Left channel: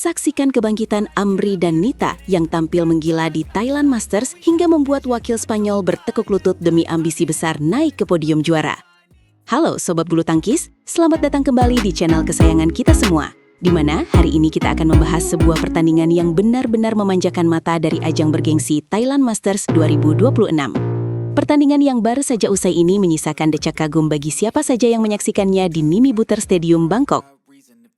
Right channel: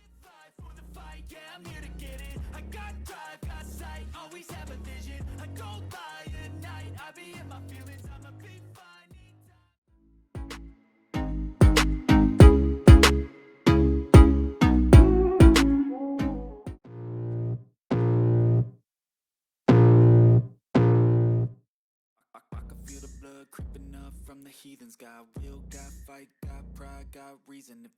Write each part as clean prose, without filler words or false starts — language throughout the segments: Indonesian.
Saksikan kebangkitan Amri dan Nita yang tampil menggila di Thailand Masters hingga membuat wakil Spanyol bertekuk lutut demi ambisi besar naik ke podium juara. Halo Sobat Bulu Tangkis, selamat datang kembali di channel kesayangan kita semua, di mana hari ini kita akan membahas sebuah pertandingan yang benar-benar memanjakan mata dari ajang bergengsi Thailand Masters 2026. Pertandingan yang baru saja usai ini menyisakan decak kagum bagi siapa saja yang menyaksikannya di Mimi Butter Stadium, Bangkok.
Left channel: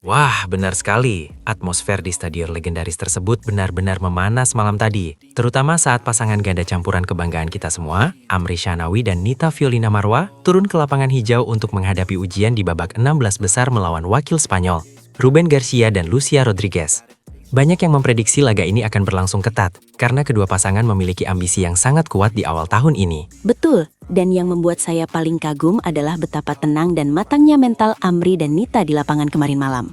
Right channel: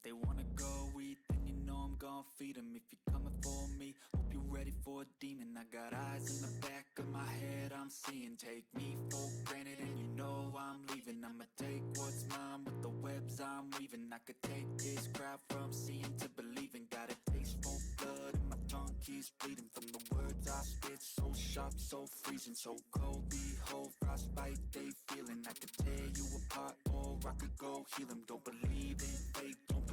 Wah, benar sekali. Atmosfer di stadion legendaris tersebut benar-benar memanas malam tadi. Terutama saat pasangan ganda campuran kebanggaan kita semua, Amri Shahnawi dan Nita Fiolina Marwa, turun ke lapangan hijau untuk menghadapi ujian di babak 16 besar melawan wakil Spanyol, Ruben Garcia dan Lucia Rodriguez. Banyak yang memprediksi laga ini akan berlangsung ketat, karena kedua pasangan memiliki ambisi yang sangat kuat di awal tahun ini. Betul, dan yang membuat saya paling kagum adalah betapa tenang dan matangnya mental Amri dan Nita di lapangan kemarin malam.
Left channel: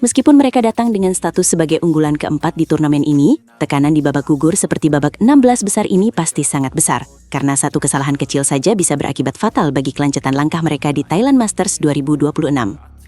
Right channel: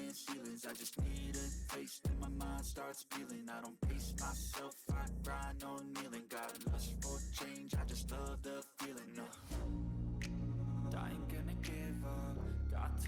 Meskipun mereka datang dengan status sebagai unggulan keempat di turnamen ini, tekanan di babak gugur seperti babak 16 besar ini pasti sangat besar, karena satu kesalahan kecil saja bisa berakibat fatal bagi kelanjutan langkah mereka di Thailand Masters 2026.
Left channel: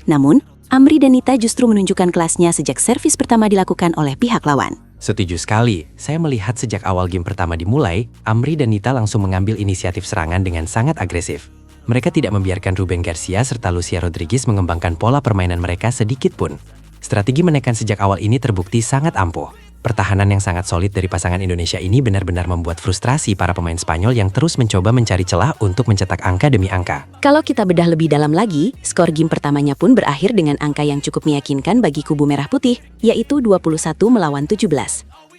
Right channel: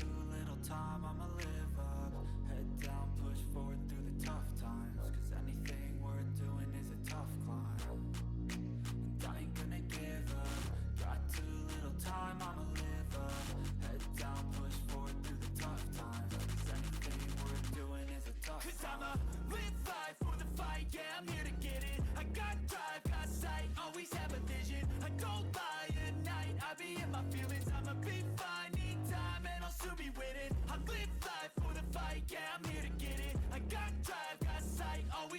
Namun, Amri dan Nita justru menunjukkan kelasnya sejak servis pertama dilakukan oleh pihak lawan. Setuju sekali, saya melihat sejak awal game pertama dimulai, Amri dan Nita langsung mengambil inisiatif serangan dengan sangat agresif. Mereka tidak membiarkan Ruben Garcia serta Lucia Rodriguez mengembangkan pola permainan mereka sedikit pun. Strategi menekan sejak awal ini terbukti sangat ampuh. Pertahanan yang sangat solid dari pasangan Indonesia ini benar-benar membuat frustrasi para pemain Spanyol yang terus mencoba mencari celah untuk mencetak angka demi angka. Kalau kita bedah lebih dalam lagi, skor game pertamanya pun berakhir dengan angka yang cukup meyakinkan bagi kubu merah putih, yaitu 21-17.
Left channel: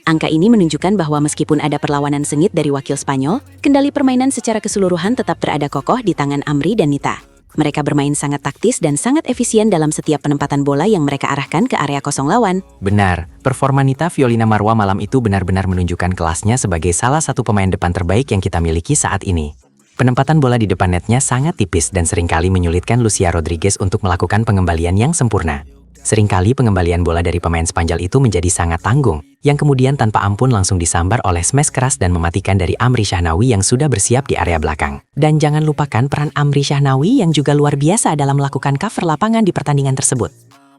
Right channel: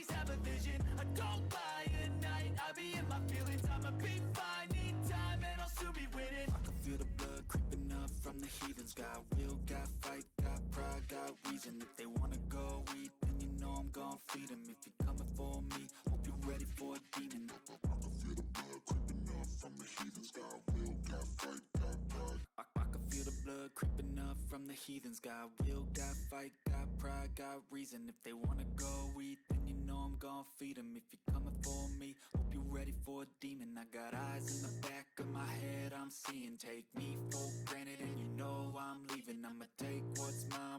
Angka ini menunjukkan bahwa meskipun ada perlawanan sengit dari wakil Spanyol, kendali permainan secara keseluruhan tetap berada kokoh di tangan Amri dan Nita. Mereka bermain sangat taktis dan sangat efisien dalam setiap penempatan bola yang mereka arahkan ke area kosong lawan. Benar, performa Nita Fiolina Marwa malam itu benar-benar menunjukkan kelasnya sebagai salah satu pemain depan terbaik yang kita miliki saat ini. Penempatan bola di depan netnya sangat tipis dan seringkali menyulitkan Lucia Rodriguez untuk melakukan pengembalian yang sempurna. Seringkali pengembalian bola dari pemain Spanyol itu menjadi sangat tanggung, yang kemudian tanpa ampun langsung disambar oleh smash keras dan mematikan dari Amri Shahnawi yang sudah bersiap di area belakang. Dan jangan lupakan peran Amri Shahnawi yang juga luar biasa dalam melakukan cover lapangan di pertandingan tersebut.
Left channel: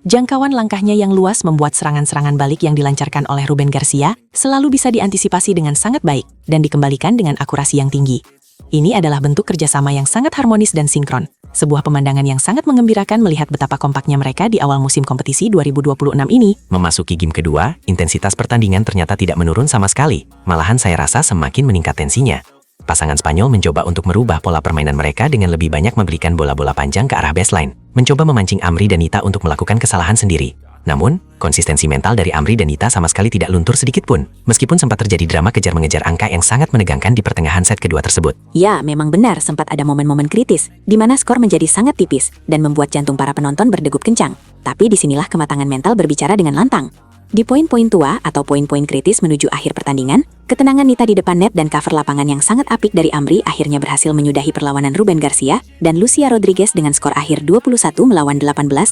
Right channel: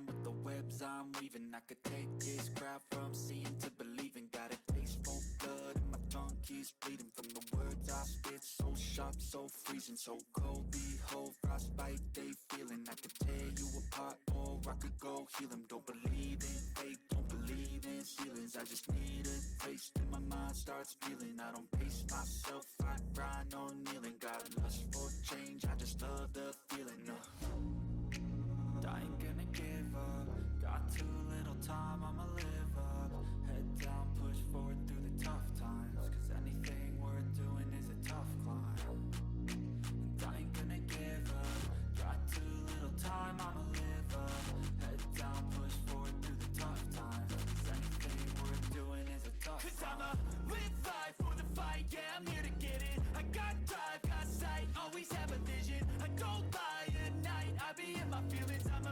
Jangkauan langkahnya yang luas membuat serangan-serangan balik yang dilancarkan oleh Ruben Garcia selalu bisa diantisipasi dengan sangat baik dan dikembalikan dengan akurasi yang tinggi. Ini adalah bentuk kerjasama yang sangat harmonis dan sinkron. Sebuah pemandangan yang sangat menggembirakan melihat betapa kompaknya mereka di awal musim kompetisi 2026 ini. Memasuki game kedua, intensitas pertandingan ternyata tidak menurun sama sekali. Malahan saya rasa semakin meningkat tensinya. Pasangan Spanyol mencoba untuk merubah pola permainan mereka dengan lebih banyak memberikan bola-bola panjang ke arah baseline, mencoba memancing Amri dan Nita untuk melakukan kesalahan sendiri. Namun, konsistensi mental dari Amri dan Nita sama sekali tidak luntur sedikit pun, meskipun sempat terjadi drama kejar-mengejar angka yang sangat menegangkan di pertengahan set kedua tersebut. Ya, memang benar sempat ada momen-momen kritis, di mana skor menjadi sangat tipis dan membuat jantung para penonton berdegup kencang. Tapi disinilah kematangan mental berbicara dengan lantang. Di poin-poin tua atau poin-poin kritis menuju akhir pertandingan, ketenangan Nita di depan net dan cover lapangan yang sangat apik dari Amri akhirnya berhasil menyudahi perlawanan Ruben Garcia dan Lucia Rodriguez dengan skor akhir 21-18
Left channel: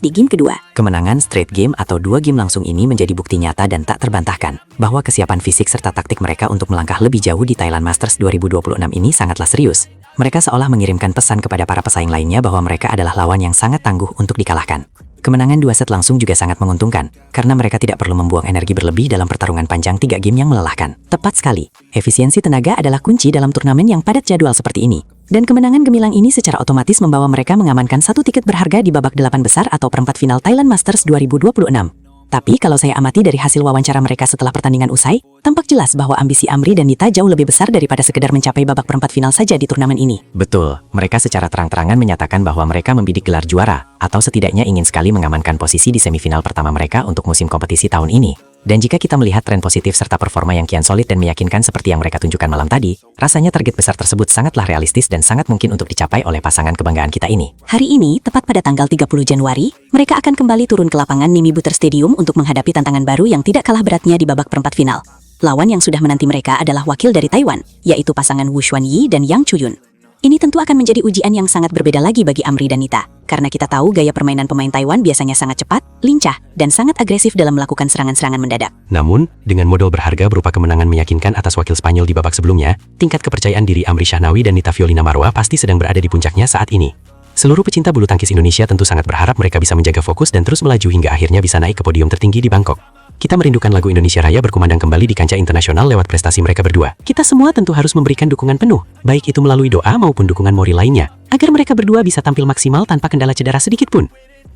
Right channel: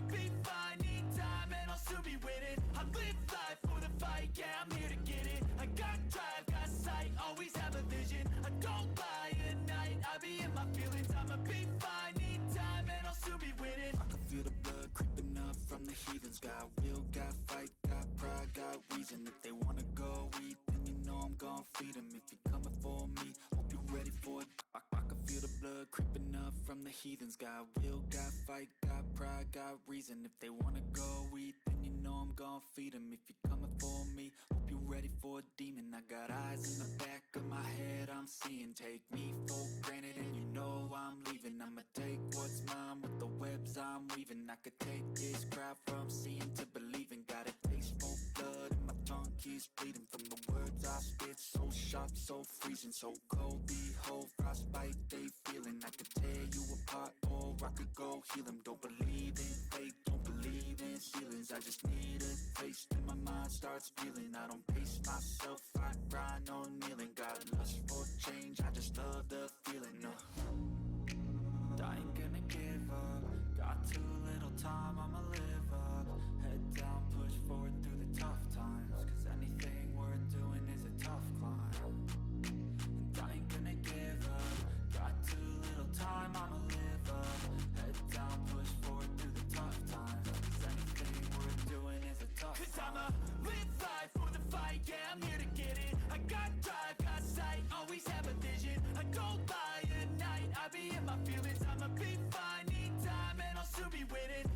di game kedua. Kemenangan straight game atau 2 game langsung ini menjadi bukti nyata dan tak terbantahkan bahwa kesiapan fisik serta taktik mereka untuk melangkah lebih jauh di Thailand Masters 2026 ini sangatlah serius. Mereka seolah mengirimkan pesan kepada para pesaing lainnya bahwa mereka adalah lawan yang sangat tangguh untuk dikalahkan. Kemenangan 2 set langsung juga sangat menguntungkan, karena mereka tidak perlu membuang energi berlebih dalam pertarungan panjang 3 game yang melelahkan. Tepat sekali, efisiensi tenaga adalah kunci dalam turnamen yang padat jadwal seperti ini. Dan kemenangan gemilang ini secara otomatis membawa mereka mengamankan satu tiket berharga di babak 8 besar atau perempat final Thailand Masters 2026. Tapi kalau saya amati dari hasil wawancara mereka setelah pertandingan usai, tampak jelas bahwa ambisi Amri dan Nita jauh lebih besar daripada sekedar mencapai babak perempat final saja di turnamen ini. Betul, mereka secara terang-terangan menyatakan bahwa mereka membidik gelar juara, atau setidaknya ingin sekali mengamankan posisi di semifinal pertama mereka untuk musim kompetisi tahun ini. Dan jika kita melihat tren positif serta performa yang kian solid dan meyakinkan seperti yang mereka tunjukkan malam tadi, rasanya target besar tersebut sangatlah realistis dan sangat mungkin untuk dicapai oleh pasangan kebanggaan kita ini. Hari ini, tepat pada tanggal 30 Januari, mereka akan kembali turun ke lapangan Mimi Butter Stadium untuk menghadapi tantangan baru yang tidak kalah beratnya di babak perempat final. Lawan yang sudah menanti mereka adalah wakil dari Taiwan, yaitu pasangan Wu Xuanyi dan Yang Chuyun. Ini tentu akan menjadi ujian yang sangat berbeda lagi bagi Amri dan Nita, karena kita tahu gaya permainan pemain Taiwan biasanya sangat cepat, lincah, dan sangat agresif dalam melakukan serangan-serangan mendadak. Namun, dengan modal berharga berupa kemenangan meyakinkan atas wakil Spanyol di babak sebelumnya, tingkat kepercayaan diri Amri Shahnawi dan Nita Fiolina Marwa pasti sedang berada di puncaknya saat ini. Seluruh pecinta bulu tangkis Indonesia tentu sangat berharap mereka bisa menjaga fokus dan terus melaju hingga akhirnya bisa naik ke podium tertinggi di Bangkok. Kita merindukan lagu Indonesia Raya berkumandang kembali di kancah internasional lewat prestasi mereka berdua. Kita semua tentu harus memberikan dukungan penuh, baik itu melalui doa maupun dukungan moral lainnya, agar mereka berdua bisa tampil maksimal tanpa kendala cedera sedikit pun.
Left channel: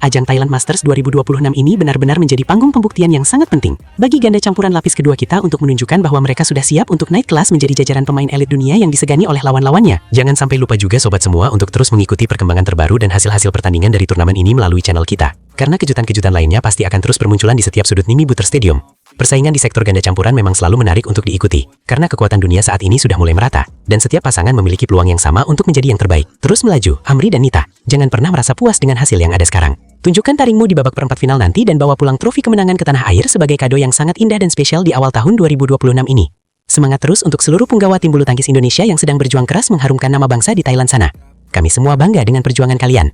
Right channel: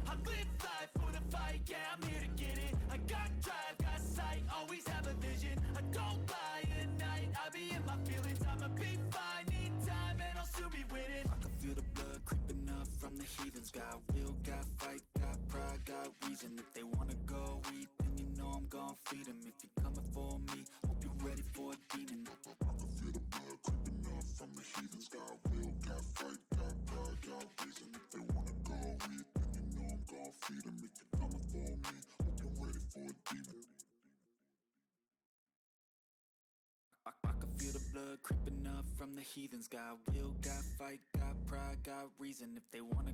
Ajang Thailand Masters 2026 ini benar-benar menjadi panggung pembuktian yang sangat penting bagi ganda campuran lapis kedua kita untuk menunjukkan bahwa mereka sudah siap untuk naik kelas menjadi jajaran pemain elit dunia yang disegani oleh lawan-lawannya. Jangan sampai lupa juga sobat semua untuk terus mengikuti perkembangan terbaru dan hasil-hasil pertandingan dari turnamen ini melalui channel kita. Karena kejutan-kejutan lainnya pasti akan terus bermunculan di setiap sudut Nimi Butter Stadium. Persaingan di sektor ganda campuran memang selalu menarik untuk diikuti, karena kekuatan dunia saat ini sudah mulai merata, dan setiap pasangan memiliki peluang yang sama untuk menjadi yang terbaik. Terus melaju, Amri dan Nita, jangan pernah merasa puas dengan hasil yang ada sekarang. Tunjukkan taringmu di babak perempat final nanti dan bawa pulang trofi kemenangan ke tanah air sebagai kado yang sangat indah dan spesial di awal tahun 2026 ini. Semangat terus untuk seluruh punggawa tim bulu tangkis Indonesia yang sedang berjuang keras mengharumkan nama bangsa di Thailand sana. Kami semua bangga dengan perjuangan kalian.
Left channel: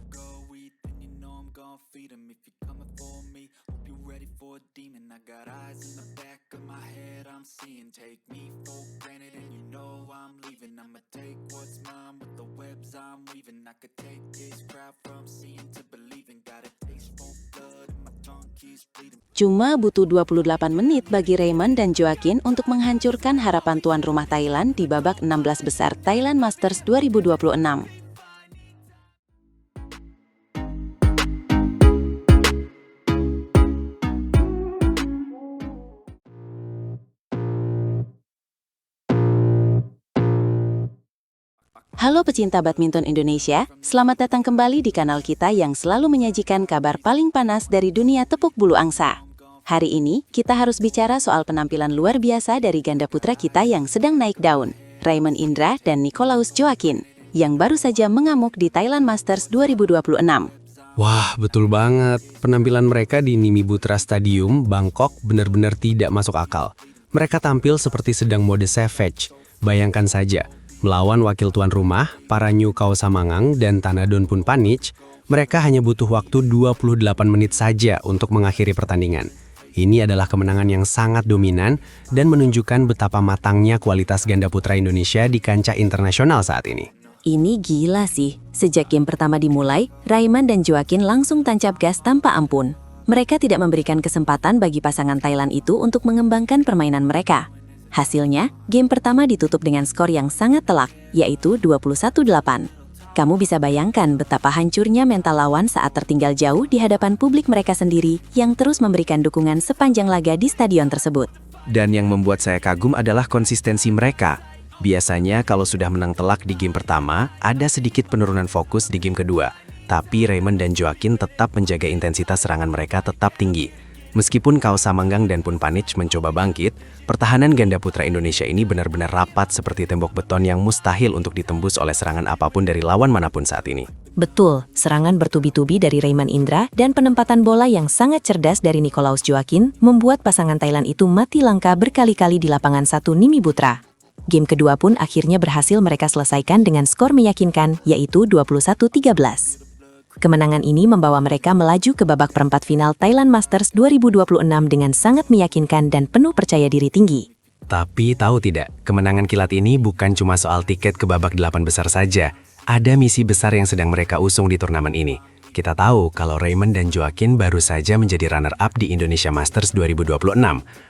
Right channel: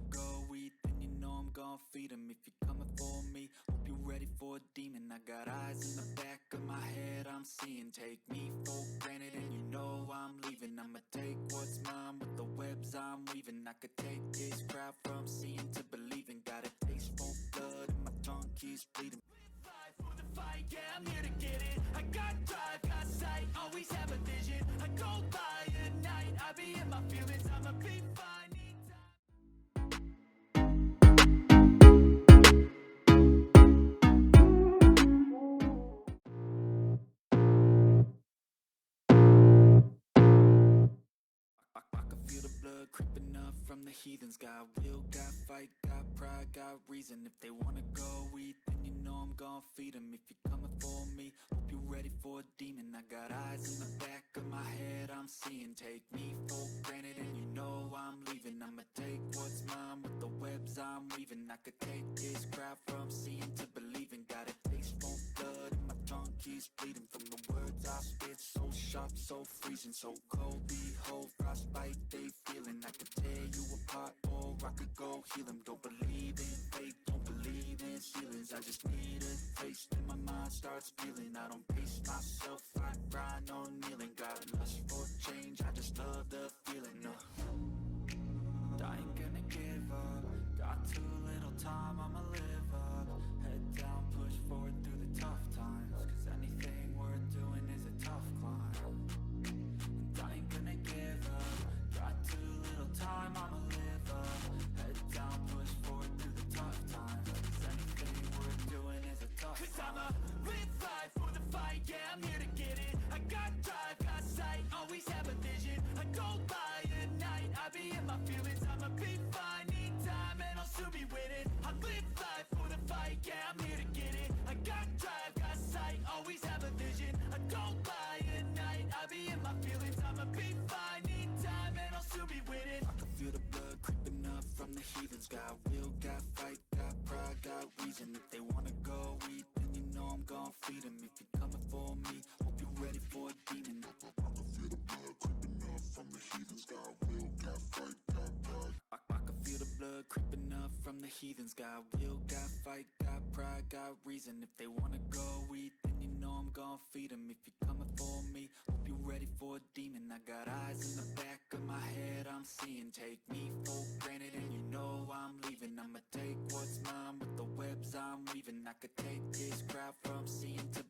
Take me for granted and you know I'm leaving. I'ma take what's mine with the webs I'm weaving. I could take this crowd from seeing to believing. Got a taste for blood and my tongue keeps bleeding. Cuma butuh 28 menit bagi Raymond dan Joaquin untuk menghancurkan harapan tuan rumah Thailand di babak 16 besar Thailand Masters 2026. Halo pecinta badminton Indonesia, selamat datang kembali di kanal kita yang selalu menyajikan kabar paling panas dari dunia tepuk bulu angsa. Hari ini, kita harus bicara soal penampilan luar biasa dari ganda putra kita yang sedang naik daun, Raymond Indra dan Nicolaus Joaquin, yang baru saja mengamuk di Thailand Masters 2026. Wah, betul banget. Penampilan mereka di Nimi Butter Stadium, Bangkok benar-benar tidak masuk akal. Mereka tampil seperti sedang mode savage. Bayangkan saja, melawan wakil tuan rumah, para New Khao Samangang dan Thanadon Phunpanich, mereka hanya butuh waktu 28 menit saja untuk mengakhiri pertandingan. Ini adalah kemenangan yang sangat dominan dan menunjukkan betapa matangnya kualitas ganda putra Indonesia di kancah internasional saat ini. Ini gila sih, sejak game pertama dimulai, Raymond dan Joaquin langsung tancap gas tanpa ampun. Mereka tidak memberikan kesempatan bagi pasangan Thailand itu untuk mengembangkan permainan mereka. Hasilnya, game pertama ditutup dengan skor yang sangat telak, yaitu 21-8. Kamu bisa bayangkan betapa hancurnya mental lawan saat tertinggal jauh di hadapan publik mereka sendiri yang terus memberikan dukungan sepanjang laga di stadion tersebut. Dan yang membuat saya kagum adalah konsistensi mereka. Biasanya kalau sudah menang telak di game pertama, ada sedikit penurunan fokus di game kedua. Tapi Raymond dan Joaquin tetap menjaga intensitas serangan mereka tetap tinggi. Meskipun Khao Samangang dan Phunpanich mencoba bangkit, pertahanan ganda putra Indonesia ini benar-benar rapat seperti tembok beton yang mustahil untuk ditembus oleh serangan apapun dari lawan manapun saat ini. Betul, serangan bertubi-tubi dari Raymond Indra dan penempatan bola yang sangat cerdas dari Nicolaus Joaquin membuat pasangan Thailand itu mati langka berkali-kali di lapangan 1 Nimi Butter. Game kedua pun akhirnya berhasil mereka selesaikan dengan skor meyakinkan, yaitu 21-13. Kemenangan ini membawa mereka melaju ke babak perempat final Thailand Masters 2026 dengan sangat meyakinkan dan penuh percaya diri tinggi. Tapi tahu tidak, kemenangan kilat ini bukan cuma soal tiket ke babak 8 besar saja. Ada misi besar yang sedang mereka usung di turnamen ini. Kita tahu kalau Raymond dan Joaquin baru saja menjadi runner-up di Indonesia Masters 2026.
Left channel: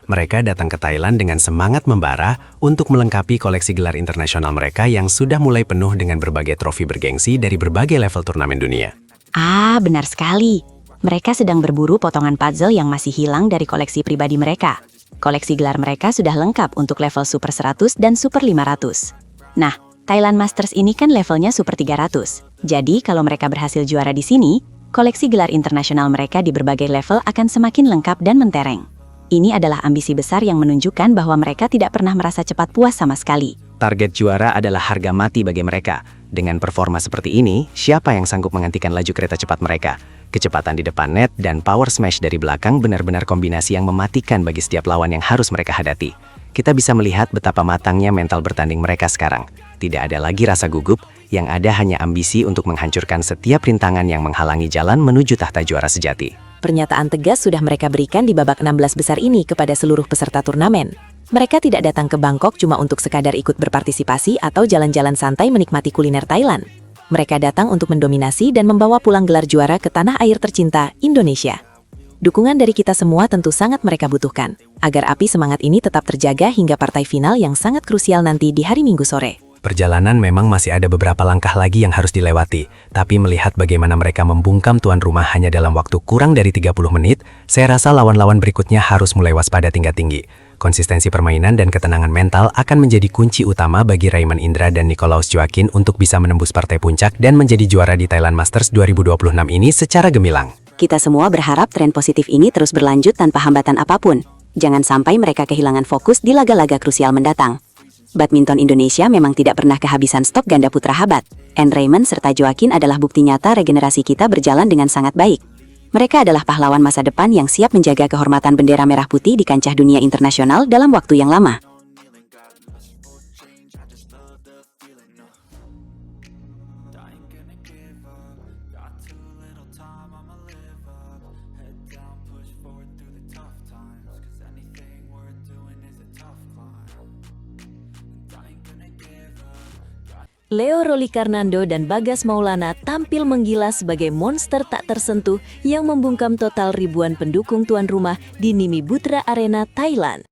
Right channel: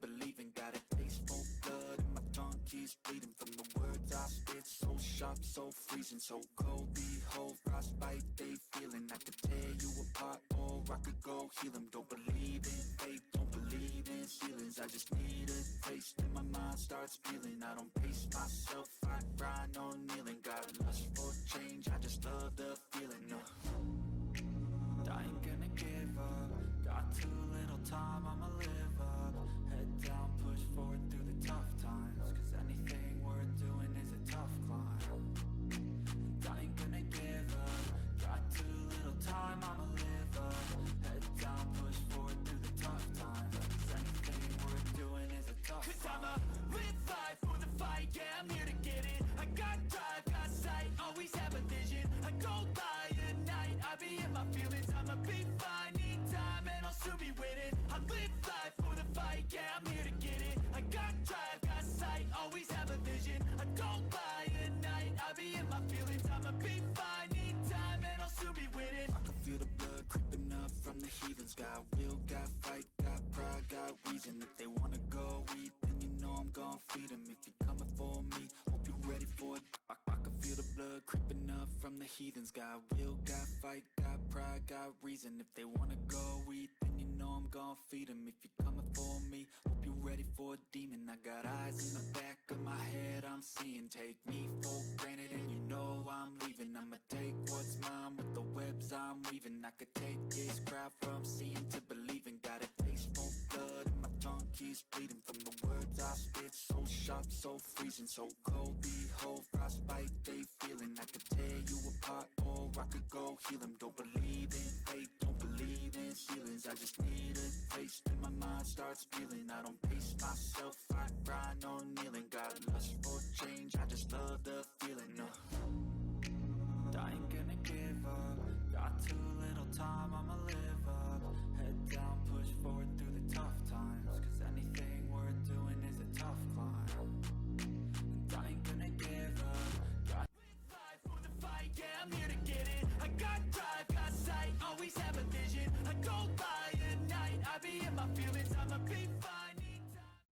Mereka datang ke Thailand dengan semangat membara untuk melengkapi koleksi gelar internasional mereka yang sudah mulai penuh dengan berbagai trofi bergengsi dari berbagai level turnamen dunia. Ah, benar sekali. Mereka sedang berburu potongan puzzle yang masih hilang dari koleksi pribadi mereka. Koleksi gelar mereka sudah lengkap untuk level Super 100 dan Super 500. Nah, Thailand Masters ini kan levelnya Super 300. Jadi, kalau mereka berhasil juara di sini, koleksi gelar internasional mereka di berbagai level akan semakin lengkap dan mentereng. Ini adalah ambisi besar yang menunjukkan bahwa mereka tidak pernah merasa cepat puas sama sekali. Target juara adalah harga mati bagi mereka. Dengan performa seperti ini, siapa yang sanggup menghentikan laju kereta cepat mereka? Kecepatan di depan net dan power smash dari belakang benar-benar kombinasi yang mematikan bagi setiap lawan yang harus mereka hadapi. Kita bisa melihat betapa matangnya mental bertanding mereka sekarang. Tidak ada lagi rasa gugup, yang ada hanya ambisi untuk menghancurkan setiap rintangan yang menghalangi jalan menuju tahta juara sejati. Pernyataan tegas sudah mereka berikan di babak 16 besar ini kepada seluruh peserta turnamen. Mereka tidak datang ke Bangkok cuma untuk sekadar ikut berpartisipasi atau jalan-jalan santai menikmati kuliner Thailand. Mereka datang untuk mendominasi dan membawa pulang gelar juara ke tanah air tercinta, Indonesia. Dukungan dari kita semua tentu sangat mereka butuhkan, agar api semangat ini tetap terjaga hingga partai final yang sangat krusial nanti di hari Minggu sore. Perjalanan memang masih ada beberapa langkah lagi yang harus dilewati, tapi melihat bagaimana mereka membungkam tuan rumah hanya dalam waktu kurang dari 30 menit, saya rasa lawan-lawan berikutnya harus mulai waspada tingkat tinggi. Konsistensi permainan dan ketenangan mental akan menjadi kunci utama bagi Raymond Indra dan Nicolaus Joaquin untuk bisa menembus partai puncak dan menjadi juara di Thailand Masters 2026 ini secara gemilang. Kita semua berharap tren positif ini terus berlanjut tanpa hambatan apapun. Jangan sampai mereka kehilangan fokus di laga-laga krusial mendatang. Badminton Indonesia memang tidak pernah kehabisan stok ganda putra hebat. Raymond serta Joaquin adalah bukti nyata regenerasi kita berjalan dengan sangat baik. Mereka adalah pahlawan masa depan yang siap menjaga kehormatan bendera merah putih di kancah dunia internasional dalam waktu yang lama. Leo Rolikarnando dan Bagas Maulana tampil menggila sebagai monster tak tersentuh yang membungkam total ribuan pendukung tuan rumah di Nimibutra Arena, Thailand.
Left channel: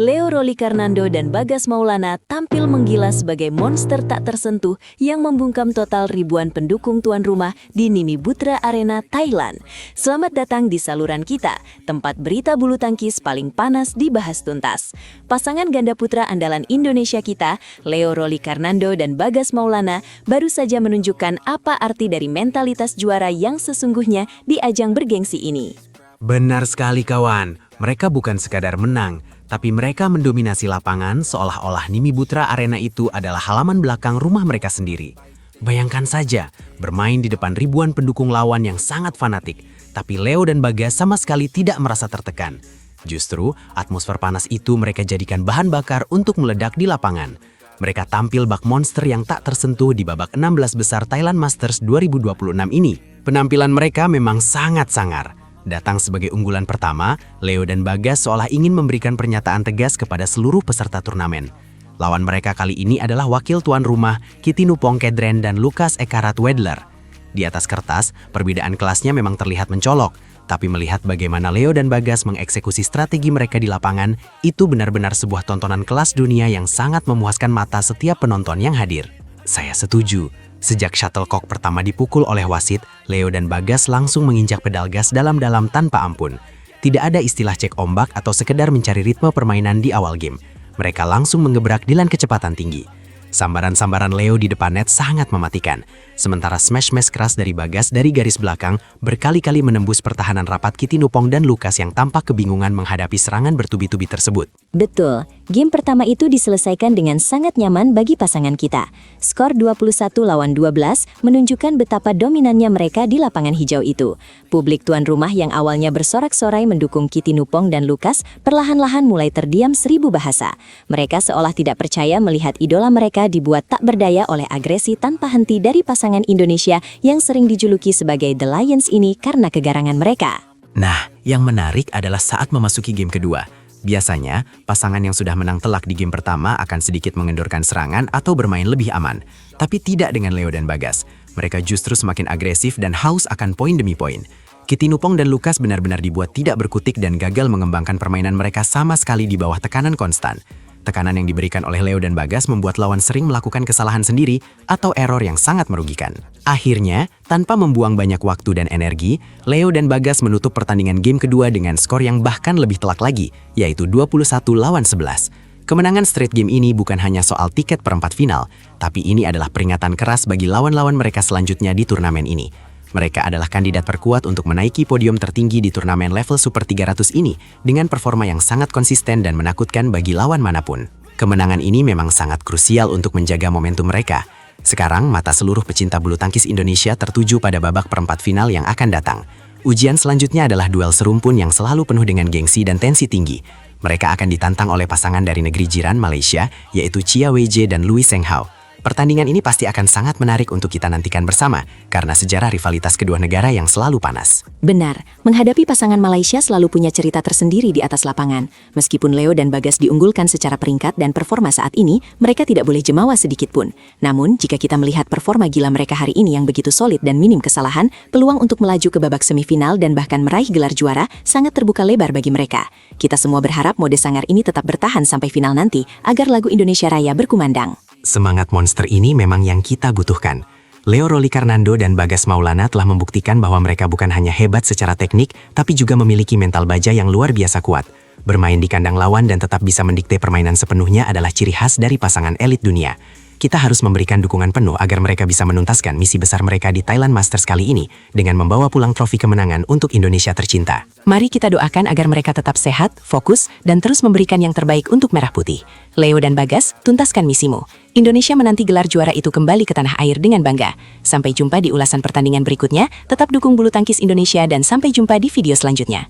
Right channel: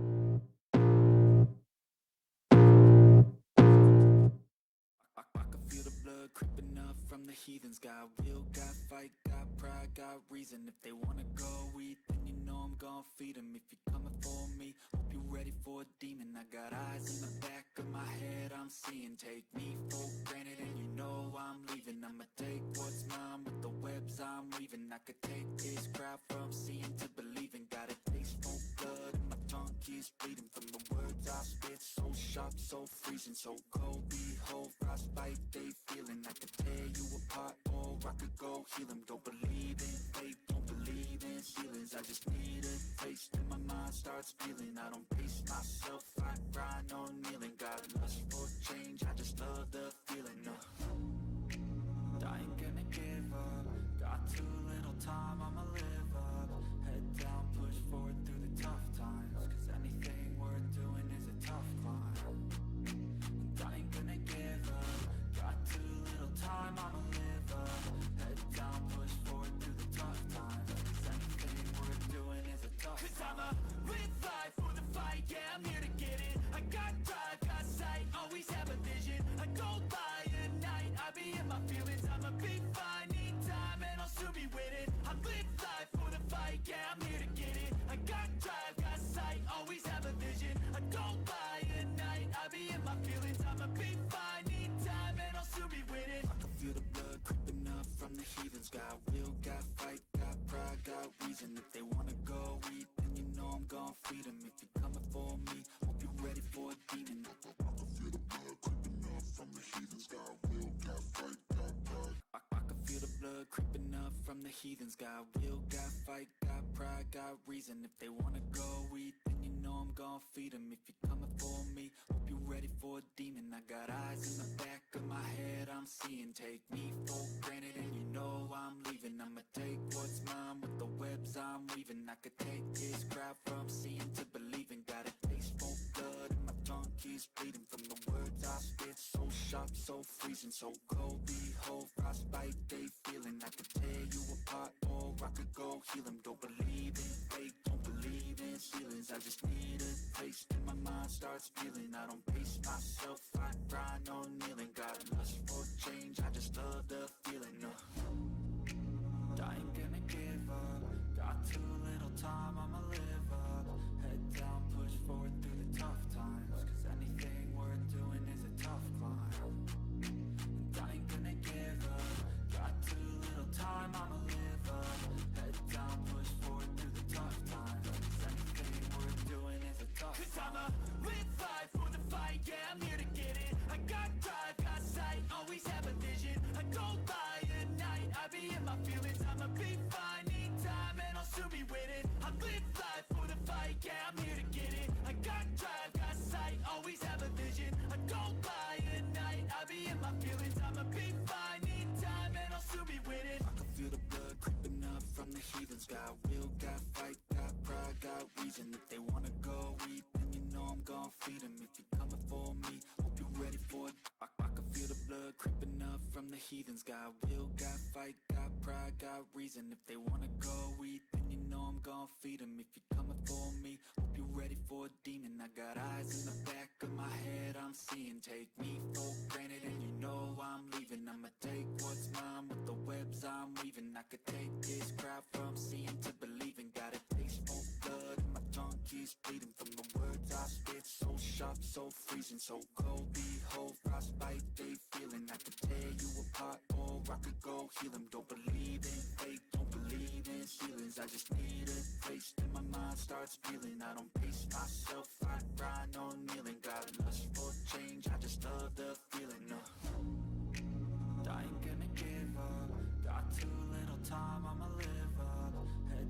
Leo Rolikarnando dan Bagas Maulana tampil menggila sebagai monster tak tersentuh yang membungkam total ribuan pendukung tuan rumah di Nimibutra Arena, Thailand. Selamat datang di saluran kita, tempat berita bulu tangkis paling panas dibahas tuntas. Pasangan ganda putra andalan Indonesia kita, Leo Rolikarnando dan Bagas Maulana, baru saja menunjukkan apa arti dari mentalitas juara yang sesungguhnya di ajang bergengsi ini. Benar sekali kawan, mereka bukan sekadar menang, tapi mereka mendominasi lapangan seolah-olah Nimibutra Arena itu adalah halaman belakang rumah mereka sendiri. Bayangkan saja, bermain di depan ribuan pendukung lawan yang sangat fanatik, tapi Leo dan Bagas sama sekali tidak merasa tertekan. Justru, atmosfer panas itu mereka jadikan bahan bakar untuk meledak di lapangan. Mereka tampil bak monster yang tak tersentuh di babak 16 besar Thailand Masters 2026 ini. Penampilan mereka memang sangat sangar. Datang sebagai unggulan pertama, Leo dan Bagas seolah ingin memberikan pernyataan tegas kepada seluruh peserta turnamen. Lawan mereka kali ini adalah wakil tuan rumah Kitinupong Kedren dan Lukas Ekarat Wedler. Di atas kertas, perbedaan kelasnya memang terlihat mencolok, tapi melihat bagaimana Leo dan Bagas mengeksekusi strategi mereka di lapangan, itu benar-benar sebuah tontonan kelas dunia yang sangat memuaskan mata setiap penonton yang hadir. Saya setuju. Sejak shuttlecock pertama dipukul oleh wasit, Leo dan Bagas langsung menginjak pedal gas dalam-dalam tanpa ampun. Tidak ada istilah cek ombak atau sekedar mencari ritme permainan di awal game. Mereka langsung mengebrak dengan kecepatan tinggi. Sambaran-sambaran Leo di depan net sangat mematikan. Sementara smash-smash keras dari Bagas dari garis belakang berkali-kali menembus pertahanan rapat Kitinupong dan Lukas yang tampak kebingungan menghadapi serangan bertubi-tubi tersebut. Betul, game pertama itu diselesaikan dengan sangat nyaman bagi pasangan kita. Skor 21-12 menunjukkan betapa dominannya mereka di lapangan hijau itu. Publik tuan rumah yang awalnya bersorak-sorai mendukung Kitinupong dan Lukas perlahan-lahan mulai terdiam seribu bahasa. Mereka seolah tidak percaya melihat idola mereka dibuat tak berdaya oleh agresi tanpa henti dari pasangan Indonesia yang sering dijuluki sebagai The Lions ini karena kegarangan mereka. Nah, yang menarik adalah saat memasuki game kedua. Biasanya, pasangan yang sudah menang telak di game pertama akan sedikit mengendorkan serangan atau bermain lebih aman. Tapi tidak dengan Leo dan Bagas. Mereka justru semakin agresif dan haus akan poin demi poin. Kitinupong dan Lukas benar-benar dibuat tidak berkutik dan gagal mengembangkan permainan mereka sama sekali di bawah tekanan konstan. Tekanan yang diberikan oleh Leo dan Bagas membuat lawan sering melakukan kesalahan sendiri atau error yang sangat merugikan. Akhirnya, tanpa membuang banyak waktu dan energi, Leo dan Bagas menutup pertandingan game kedua dengan skor yang bahkan lebih telak lagi, yaitu 21-11. Kemenangan straight game ini bukan hanya soal tiket perempat final, tapi ini adalah peringatan keras bagi lawan-lawan mereka selanjutnya di turnamen ini. Mereka adalah kandidat terkuat untuk menaiki podium tertinggi di turnamen level Super 300 ini dengan performa yang sangat konsisten dan menakutkan bagi lawan manapun. Kemenangan ini memang sangat krusial untuk menjaga momentum mereka. Sekarang, mata seluruh pecinta bulu tangkis Indonesia tertuju pada babak perempat final yang akan datang. Ujian selanjutnya adalah duel serumpun yang selalu penuh dengan gengsi dan tensi tinggi. Mereka akan ditantang oleh pasangan dari negeri jiran Malaysia, yaitu Chia Weijie dan Louis Zheng Hao. Pertandingan ini pasti akan sangat menarik untuk kita nantikan bersama, karena sejarah rivalitas kedua negara yang selalu panas. Benar, menghadapi pasangan Malaysia selalu punya cerita tersendiri di atas lapangan. Meskipun Leo dan Bagas diunggulkan secara peringkat dan performa saat ini, mereka tidak boleh jemawa sedikit pun. Namun, jika kita melihat performa gila mereka hari ini yang begitu solid dan minim kesalahan, peluang untuk melaju ke babak semifinal dan bahkan meraih gelar juara sangat terbuka lebar bagi mereka. Kita semua berharap mode sangar ini tetap bertahan sampai final nanti, agar lagu Indonesia Raya berkumandang. Semangat monster ini memang yang kita butuhkan. Leo Rolikarnando dan Bagas Maulana telah membuktikan bahwa mereka bukan hanya hebat secara teknik, tapi juga memiliki mental baja yang luar biasa kuat. Bermain di kandang lawan dan tetap bisa mendikte permainan sepenuhnya adalah ciri khas dari pasangan elit dunia. Kita harus memberikan dukungan penuh agar mereka bisa menuntaskan misi besar mereka di Thailand Masters kali ini dengan membawa pulang trofi kemenangan untuk Indonesia tercinta. Mari kita doakan agar mereka tetap sehat, fokus, dan terus memberikan yang terbaik untuk Merah Putih. Leo dan Bagas, tuntaskan misimu. Indonesia menanti gelar juara itu kembali ke tanah air dengan bangga. Sampai jumpa di ulasan pertandingan berikutnya, tetap dukung bulu tangkis Indonesia dan sampai jumpa di video selanjutnya.